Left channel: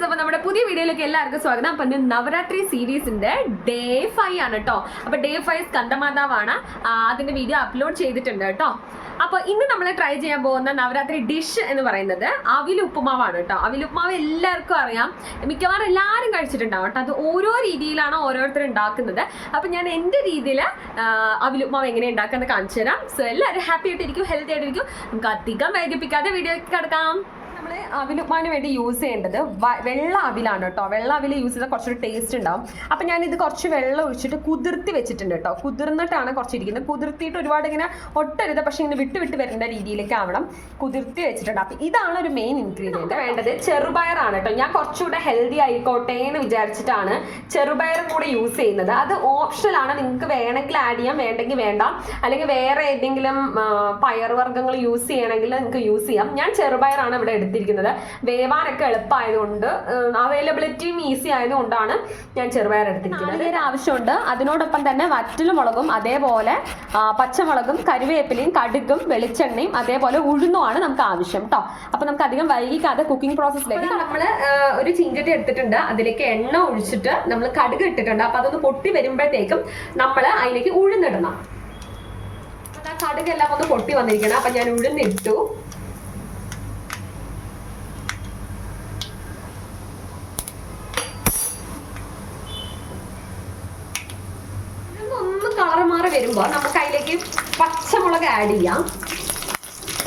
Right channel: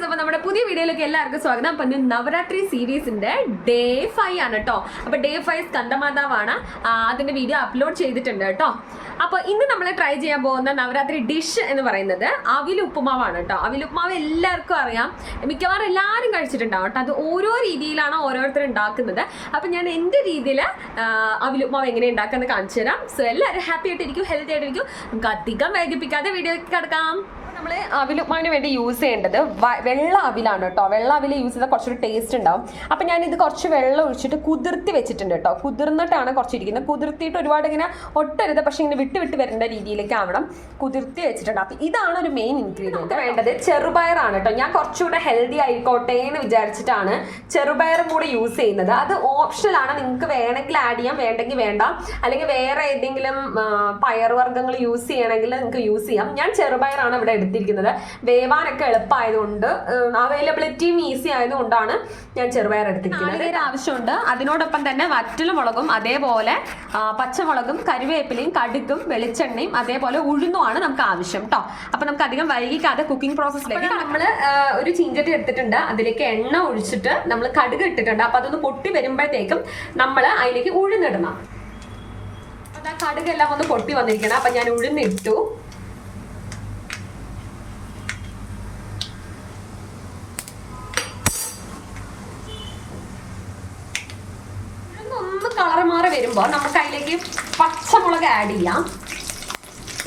Guys, അപ്പൊ നമ്മുടെ പുതിയ വീഡിയോയിലേക്ക് എല്ലാവർക്കും സ്വാഗതം. അപ്പൊ ഇന്ന് നവരാത്രി സീരീസിന്റെ ഡേ 5 ആണ് കേട്ടോ. അപ്പൊ ഡേ 5 സ്കന്ദമാതാവാണ്. അതിന്റെ വീഡിയോ അപ്ലോഡ് ചെയ്തിട്ടുണ്ട് കേട്ടോ. അപ്പൊ ഇന്ന് നമ്മൾ ട്രൈ ചെയ്യാൻ പോകുന്ന നവരാത്രി ഡിഷ് എന്ന് പറയുന്നത് അവിലുപ്പുമാവാണ് കേട്ടോ. അവിലുപ്പുമാവ് എല്ലാവർക്കും അറിയാം, മിക്കവാറും എല്ലാവരും കഴിച്ചിട്ടുണ്ടാവും കേട്ടോ. അത് ഓരോ രീതിയിലാണ് ഓരോരുത്തർ ഉണ്ടാക്കുന്നത്. അപ്പൊ ഞാൻ എൻ്റെ രീതിയിൽ അവിലുപ്പുമാവ് എങ്ങനെ ഉണ്ടാക്കാന്ന് കാണിച്ചു തരാം. സോ എല്ലാവരും ഹാപ്പി ആയിട്ടിരിക്കും, ഹെൽത്തി ആയിട്ടിരിക്കും. നമുക്ക് അധികം വൈകിപ്പിക്കാതെ വീഡിയോയ്ക്ക് കിടക്കാം. നമ്മൾ അവിലുപ്പുമാവിന് വേണ്ടി യൂസ് ചെയ്യേണ്ടത് വെള്ള അവിലാണ് കേട്ടോ. വെള്ള അവിൽ യൂസ് ചെയ്താൽ കുറച്ചൊരു ടേസ്റ്റ് ഉണ്ടാവും. അപ്പം ഞാനിത് കുറച്ച് വെള്ളം ഒഴിച്ചിട്ട് കുതിർത്തി വെച്ചിട്ടുണ്ട് കേട്ടോ. കുതിർന്നിട്ടാണ് കുറച്ചിരിക്കുന്നത്. കുതിർത്തിയിട്ട് ഒരുപാട് ഇങ്ങനെ ഒട്ടരുത്, പക്ഷേ ഇങ്ങനെ വിട്ട് വിട്ട് വരേണ്ട രീതിയിലേക്ക് ആവണം. കുതിർത്തി വെച്ചിട്ടുണ്ട്. അപ്പം ഇതാണ് ഒരു മെയിൻ ഇൻഗ്രീഡിയൻറ്റ്. വേണ്ടത് ചെറുപയറാണ് കേട്ടോ. ഞാൻ കുറച്ചുകൂടെ ഹെൽത്തി ആയിക്കോട്ടെ എന്ന് വിചാരിച്ചിട്ടാണ് ചെറുപയറും കൂടെ യൂസ് ചെയ്യുന്നത്. അത് ഓപ്ഷനാണ്, നിങ്ങൾക്ക് വേണമെങ്കിൽ ആഡ് ചെയ്യാം, വേണ്ടെങ്കിൽ വേണ്ട. അല്ലെങ്കിൽ വേറെ ഏതെങ്കിലും പയറുവർഗ്ഗങ്ങൾ യൂസ് ചെയ്യണമെങ്കിൽ നിങ്ങൾക്ക് യൂസ് ചെയ്യാം. ഞാൻ ചെറുപയറാണ് ഇവിടെ എടുത്തിരിക്കുന്നത്. വേവാനൊക്കെ എളുപ്പമായതുകൊണ്ട്, അവൈലബിലിറ്റിയും ഈസി ആയതുകൊണ്ടാണ് ഞാൻ ചെറുപയർ എടുത്തിരിക്കുന്നത്. ഇതിന് ആവശ്യമുണ്ട്. അതിനോടൊപ്പം തന്നെ വറ്റൽമുളകും, അതേപോലെ പച്ചമുളകും, കരിവേപ്പിലയും, കടുകും, വെളിച്ചെണ്ണയും, അതേപോലെ ഉഴുന്നുമാണ് നമുക്ക് ആവശ്യം കേട്ടോ. അപ്പൊ നമുക്ക് അധികം വൈകിക്കാതെ കുക്കിംഗ് പ്രോസസ്സിലേക്ക് നമ്മൾ ഒരു ചീഞ്ചട്ടി എടുത്തിട്ടുണ്ട്. അതിലേക്ക് എണ്ണ ഒഴിച്ചിട്ട് നമ്മൾ കടുക് ഇട്ടിട്ടുണ്ട്. അപ്പൊ അതൊന്ന് പൊട്ടി വരുമ്പോഴത്തേക്കും നമ്മൾ അതിലേക്ക് ഉഴുന്നിടണം. കടുകെല്ലാം ഒന്ന് പൊട്ടി വന്നിരിക്കണം. അപ്പൊ ഞാൻ ഉഴുന്നിട്ടു. കളർ മാറി വരുമ്പോൾ നമുക്ക് അതിലേക്ക് പച്ചമുളക് ആഡ് ചെയ്യാം.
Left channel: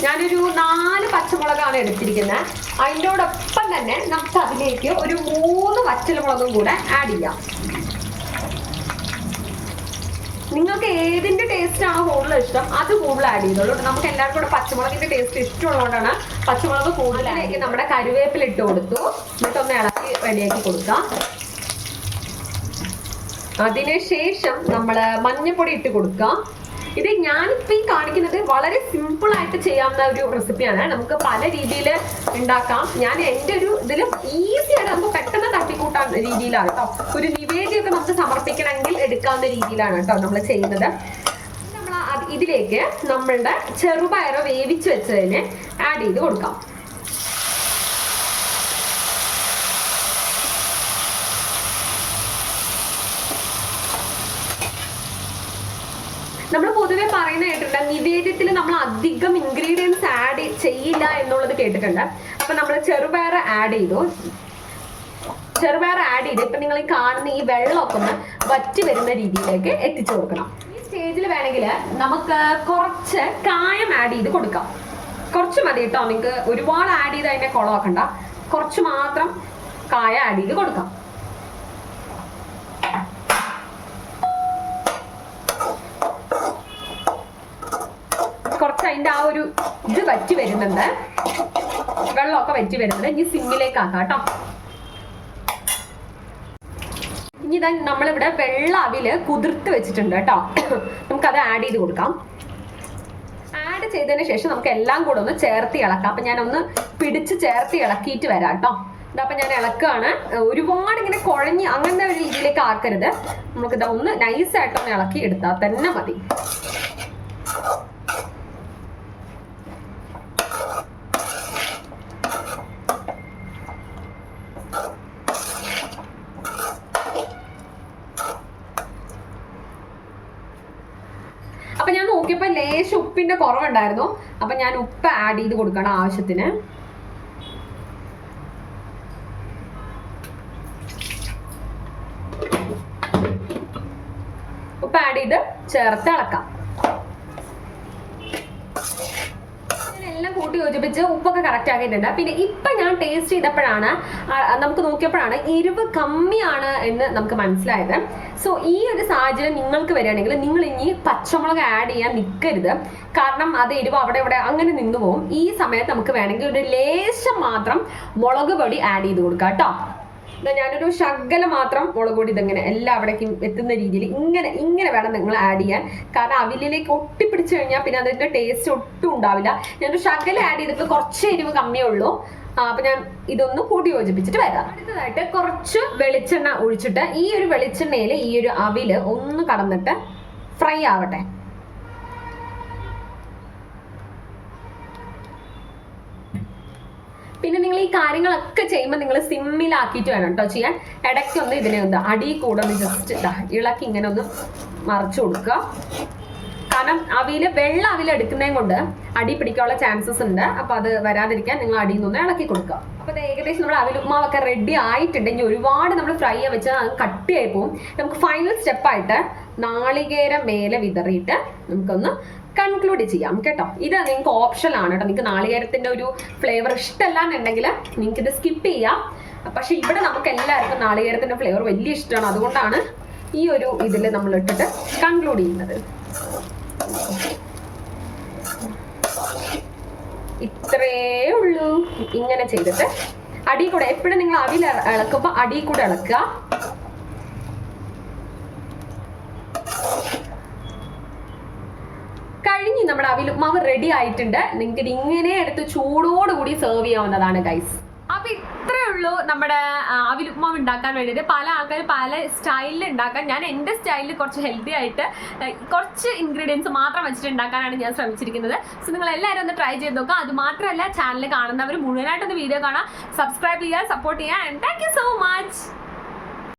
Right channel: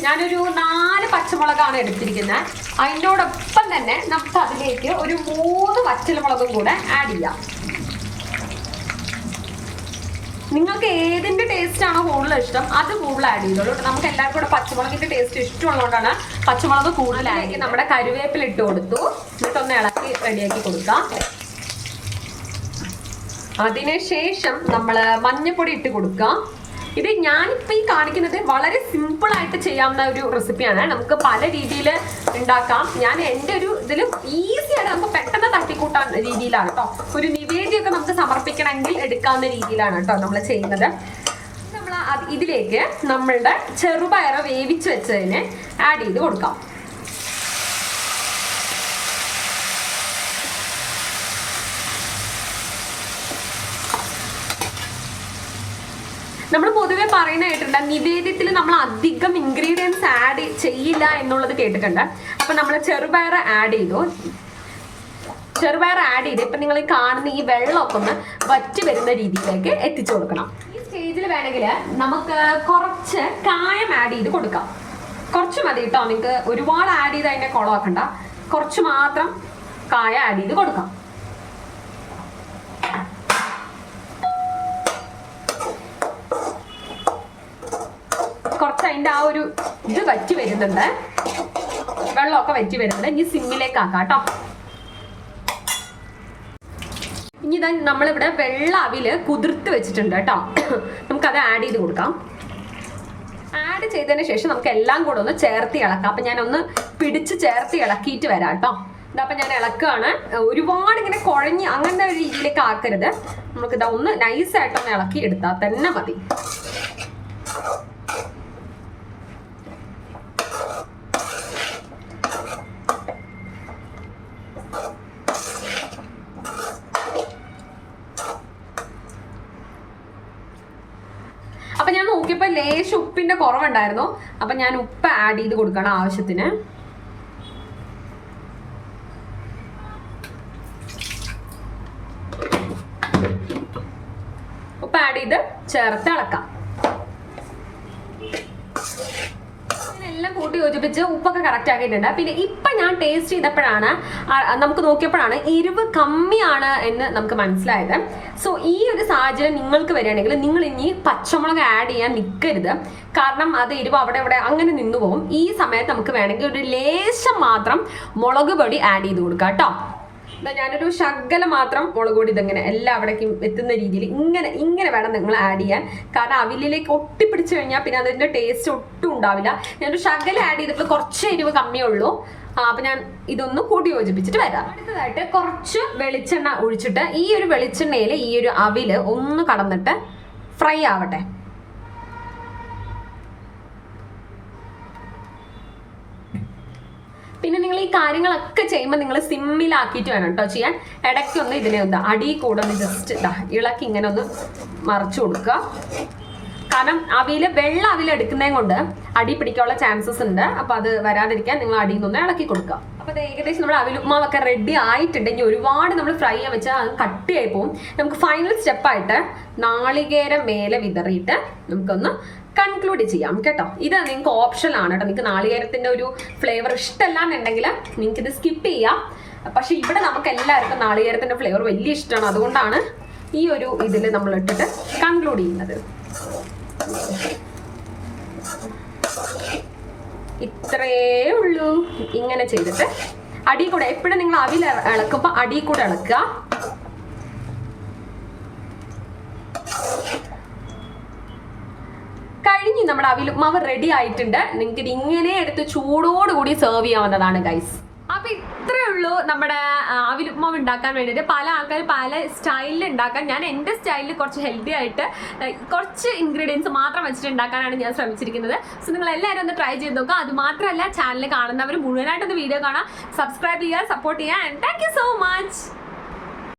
ഞാനൊരു 4 പച്ചമുളകാണ് എടുത്തിരിക്കുന്നത്. അതിനോടൊപ്പം തന്നെ നമുക്ക് അതിലേക്ക് ഒരു 3 വറ്റൽമുളകും കൂടെ ആഡ് ചെയ്യാം. നിങ്ങൾക്ക് ഏതിന്റെ ടേസ്റ്റ് ആണോ കൂടുതൽ ഇഷ്ടം അത് കൂടുതൽ ആഡ് ചെയ്തോളൂ. നമുക്ക് എല്ലാവർക്കും കൂടെ പച്ചമുളകിന്റെ ടേസ്റ്റ് ഇഷ്ടമുള്ളതുകൊണ്ടാണ് പച്ചമുളക് കൂടുതലായിരിക്കും. നമ്മുടെ കറിവേപ്പില ഇട്ട് കൊടുത്തു. എന്നിട്ടൊന്ന് ഇളക്കി റെഡിയാക്കി കൊടുക്കാം. അതിനുശേഷം നമ്മൾ മഞ്ഞപ്പൊടി ഇട്ട് കൊടുക്കാം. ഇത് ഞാനിപ്പോൾ ഈ കാണിക്കുന്നത് വളരെ സിമ്പിൾ ആയിട്ട് ചെയ്യാവുന്ന ഒരു റെസിപ്പിയാണ്. നമുക്ക് പല രീതിയിൽ ഉണ്ടാക്കാം. ഞാൻ എൻ്റെ ഒരു ഇതിലും ഈസി ആയിട്ട് നമുക്ക് പെട്ടെന്ന് തട്ടിക്കൂട്ടാൻ രീതിയിലാണ് കേട്ടോ. ഒരു നിവേദ്യമൊക്കെ നമുക്ക് സമർപ്പിക്കണമെങ്കിൽ എടുക്കാവുന്ന രീതിയിലാണ് കേട്ടോ നമ്മൾ ചെയ്യുന്നത്. നമ്മൾ ഇതിലേക്ക് നമ്മളുടെ ചെറുപയർ വേവിച്ച് വെച്ചതിനെ ആഡ് ചെയ്ത് കൊടുക്കാം. നമ്മൾ പൊതുവെ പറയുന്നതായിട്ടുണ്ട്, നിവേദ്യത്തിൽ നമ്മൾ അധികം ഇൻഗ്രീഡിയൻസ് ആഡ് ചെയ്യില്ല എന്നുള്ളത് കേട്ടിട്ടുണ്ട്. അപ്പൊ നമ്മൾ ചെറുപയർ ആഡ് ചെയ്തു. ഇപ്പൊ നിങ്ങൾ കാണുന്ന ഈ വെള്ളമൊക്കെ ഒന്ന് വറ്റി വരുന്ന രീതിയിലേക്ക് എത്തിച്ചു കൊടുക്കണം. ഈ സ്റ്റേജിൽ വേണമെങ്കിൽ നമുക്ക് കുറച്ച് കായം ആഡ് ചെയ്ത് കൊടുക്കാം. കുറച്ച് മതി കേട്ടോ. നിങ്ങൾക്ക് ഒരുപാട് ആഡ് ചെയ്ത് അതിനെ കുളമാക്കണ്ട. കുറച്ച് മാത്രം കായ ആഡ് ചെയ്ത് കൊടുക്കാം. കുറച്ച് അതിൻ്റെ ആ ഒരു ഇത് വറ്റി വരുന്നുണ്ട്, വെള്ളമൊക്കെ വറ്റി വരുന്നുണ്ട്. ഇനി സിമ്മിലേക്ക് ആക്കാം കേട്ടോ. ഇനി ഇതാ നമ്മളിവിടെ വെള്ള അവില് കുതിർത്ത് വെച്ചിട്ടുണ്ട് കേട്ടോ. നമുക്കത് ആഡ് ചെയ്ത് കൊടുക്കാം. ആഡ് ചെയ്തതിന് ശേഷം നമുക്ക് എല്ലാം കൂടെ ഒന്ന് ചേർത്ത് ഇളക്കാം. അപ്പൊ ഞാനൊന്ന് പിടിച്ച് ചേർത്ത് ഇളക്കിയിട്ട് വരാം കേട്ടോ. ഇതപ്പം ഞാൻ ഇളക്കുകയാണ്. ഒരുപാട് ഇങ്ങനെ കുഴഞ്ഞ് അങ്ങനത്തെ ഒരു രീതിയിലേക്ക് ആക്കരുത്. നമുക്കിതാ ഒന്ന് നൈസായിട്ടൊന്ന് ഇളക്കി എടുത്താൽ തന്നെ മതി. അപ്പൊ ഞാൻ നോക്കിയപ്പോ ലേശം ഉപ്പിന്റെ കുറവുണ്ടായിരുന്നു. അപ്പൊ ഞാൻ ഉപ്പ് ആഡ് ചെയ്ത് കൊടുക്കണം ആവശ്യത്തിന്. ഉപ്പ് ആഡ് ചെയ്ത് ചേർത്ത് ഇളക്കാം. എല്ലാം കൂട്ടി യോജിപ്പിച്ച് ഉപ്പൊക്കെ കറക്റ്റ് ആക്കിയിട്ടുണ്ട്. പിന്നെ ഇപ്പൊ ഞാൻ ടേസ്റ്റ് ചെയ്തപ്പോഴാണ്, നമുക്ക് നോക്കിയപ്പോഴാണ് എരിവ് കമ്മിയാണ് എന്ന് നമുക്ക് മനസ്സിലായത്. സോ ഈ ഒരു സാഹചര്യം നിങ്ങൾക്ക് വരികയാണെങ്കിൽ നിങ്ങൾ ഇനി പച്ചമുളക് ആഡ് ചെയ്യാൻ നിൽക്കരുത്. കാരണം അത് എരിവ് അവിടെ ഇവിടെ അങ്ങനെ നിന്നു പോകും. ഈ സമയത്ത് നമുക്ക് വേണമെങ്കിൽ ഒരു ലേശം മാത്രം മുളക് പൊടി ആഡ് ചെയ്ത് കൊടുക്കാം കേട്ടോ. ഞാനൊരു ശകലം മാത്രം മുളക് പൊടി ഇതെങ്ങനെ എല്ലാവിടേക്കും എത്തുന്ന രീതിയിൽ ഇങ്ങനെ വേണം നിങ്ങൾ ആഡ് ചെയ്യാൻ. കാരണം അവിലിലേക്ക് ഒട്ടിപ്പിടിച്ചു കഴിഞ്ഞാൽ പിന്നെ അതിന്റെ ടേസ്റ്റ് ഒട്ടും ഉണ്ടാവില്ല. ഞാനൊരു ശകലം ആഡ് ചെയ്തിട്ട് കുറച്ച് എരിവ് കമ്മിയേ ഉള്ളൂ. അപ്പൊ ഞാൻ ഇതൊന്ന് കൂട്ടി യോജിപ്പിച്ചിട്ട് വരാം. അടുത്തതായിട്ട് കുറച്ച് വെളിച്ചെണ്ണ ഒഴിച്ചിട്ട് ഈ ഒരു വെളിച്ചെണ്ണയിൽ ഈ ഒരു അവില് ഒന്ന് കടന്നിട്ട് ഫ്രൈ ആവട്ടെ. പിന്നെ നിങ്ങൾ ഈ ഈ കാര്യങ്ങളൊക്കെ ചെയ്യുമ്പോൾ നിങ്ങൾ സിമ്മിലാക്കിയിട്ട് വേണം കേട്ടോ ചെയ്യാൻ. ഇടയ്ക്കൊന്ന് ഇതിനെ ഒന്ന് അടി കൂടെ ഒന്ന് ജസ്റ്റ് ഇളക്കി ഇങ്ങനെ ഒന്ന് മറച്ചു കൊടുക്കുക. കാരണം വെള്ള അവിൽ എടുക്കുന്നതും കൊണ്ട് അടി പിടിക്കാനുള്ള ചാൻസസ് ഉണ്ട്. അപ്പൊ അത് വരാതിരിക്കാൻ നിങ്ങൾ അടിയിൽ നിന്ന് ഇളക്കി കൊടുക്കുക. അപ്പൊ ഏകദേശം നമ്മൾ അവിൽ ഉപ്മാവൊക്കെ റെഡി ആയിട്ടുണ്ട്. ഇനി ഒരുപാട് നമ്മൾ ഫ്രൈ ചെയ്യാൻ വെച്ചാൽ അത് കട്ടിയായി പോകും. നമുക്ക് ഫൈനൽ സ്റ്റെപ്പായിട്ട് നാളികേരം മേലെ വിതറിയിട്ട് നമുക്കൊന്ന് കൺക്ലൂഡ് ചെയ്യാം കേട്ടോ. ഇത് നിങ്ങൾക്ക് ഓപ്ഷൻ ആണ് കേട്ടോ. നിങ്ങൾക്ക് നാളികേരത്തിന്റെ ഒരു ഫ്ലേവർ ഇഷ്ടമല്ല എന്നുണ്ടെങ്കിൽ നിങ്ങൾക്ക് ഇത് സ്കിപ്പ് ചെയ്യാം. പക്ഷെ ഇവിടെ നമുക്ക് എല്ലാവർക്കും നാളികേരത്തിന്റെ ഫ്ലേവർ വലിയ ഇഷ്ടമാണ്. അതുകൊണ്ടാണ് ഈ ഒരു ഇതിൽ നമ്മൾ ഇട്ടിട്ട് കൺക്ലൂഡ് ചെയ്യുന്നത്. ഇത്രേ ഉള്ളൂ. ഇങ്ങനെ ചെയ്തിട്ട് അടി കൂടെ എപ്പോഴും നിങ്ങൾ അവിൽ ഇളക്കുമ്പോ അടി കൂടെ ഇളക്കുക. കഴിഞ്ഞ് നമ്മുടെ അവിൽ ഉപ്മാവ് റെഡി ആയിട്ടുണ്ട്. നിങ്ങൾക്ക് ഇത് ഇങ്ങനെ എടുത്ത് ചൂടോടുകൂടി സെർവ് ചെയ്യാവുന്നതാണ് ഗൈസ്. അപ്പൊ ഇത്രേ ഉള്ളൂ നമ്മുടെ അവിൽ ഉപ്മാവ് ഉണ്ടാക്കാൻ വേണ്ടിയിട്ട്. പല ആൾക്കാർ പല സ്റ്റൈലിൽ ഉണ്ടാക്കാൻ, ഞാൻ എൻ്റെ സ്റ്റൈലിൽ കുറച്ച് ഹെൽത്തി ആയിട്ട് കുറച്ച് ഇൻഗ്രീഡിയൻസ് മാത്രം വെച്ചിട്ട് ഉണ്ടാക്കാനാണ് ഞാൻ ശ്രമിച്ചിരിക്കുന്നത്. സോ നിങ്ങൾ എല്ലാവരും ഒന്ന് ട്രൈ ചെയ്ത് നോക്കുക. അത് മാത്രമല്ല ചാനൽ കാണുന്നവർ മുഴുവനായിട്ടൊന്ന് വീഡിയോ കാണാം, സബ്സ്ക്രൈബ് ചെയ്യുക, സപ്പോർട്ട് ചെയ്യുക. And thank you so much.